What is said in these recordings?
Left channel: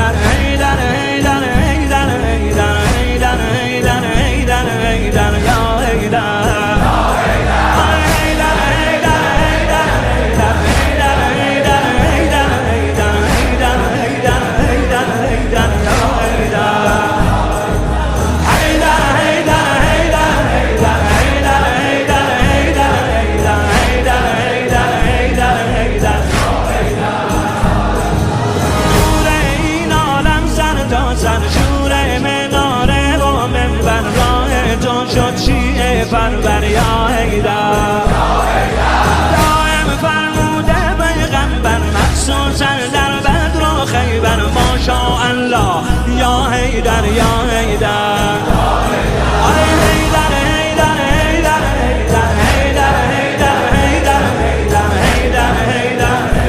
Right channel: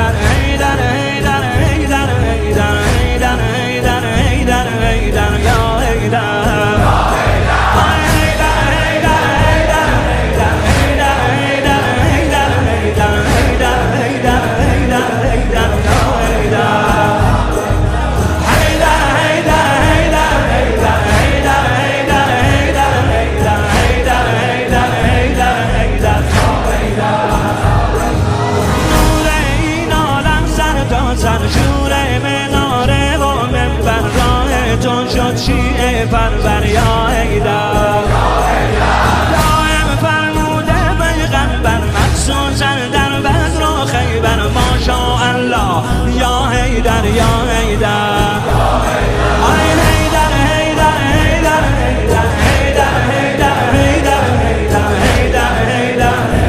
حیدر حیدر حیدر حیدر حیدر حیدر حیدر حیدر حیدر یا حیدر سر شور مناره و منبر راه تو شد شیعه پرور یا حیدر دائم فرموده پیغمبر مخصوصا در بدر و خیبر ماشاءالله یا حیدر یا حیدر آی حیدر حیدر حیدر حیدر حیدر حیدر حیدر حیدر حیدر حیدر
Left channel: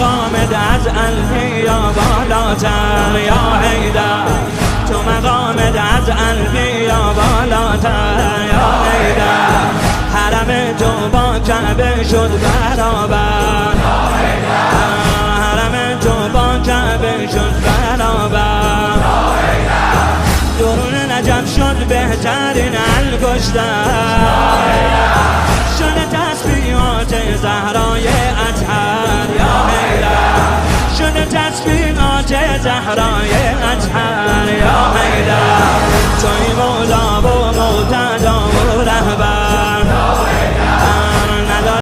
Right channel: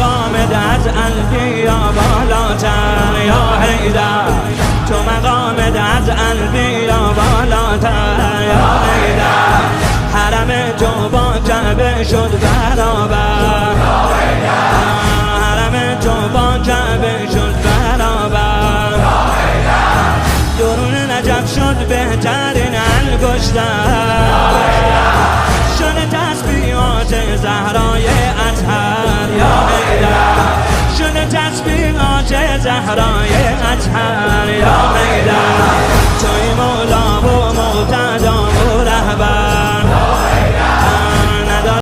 مقامت از البیا بالاتر یا حیدر تو مقامت از البیا بالاتر یا حیدر حرم تو با کعبه شد برابر حرم تو با کعبه شد برابر درون نجف شد بهترین انگشتر شده تسبیحات زهرای اطهر یا حیدر شده تسبیحات زهرای اطهر یا حیدر توی مولا و مقتدا و رهبر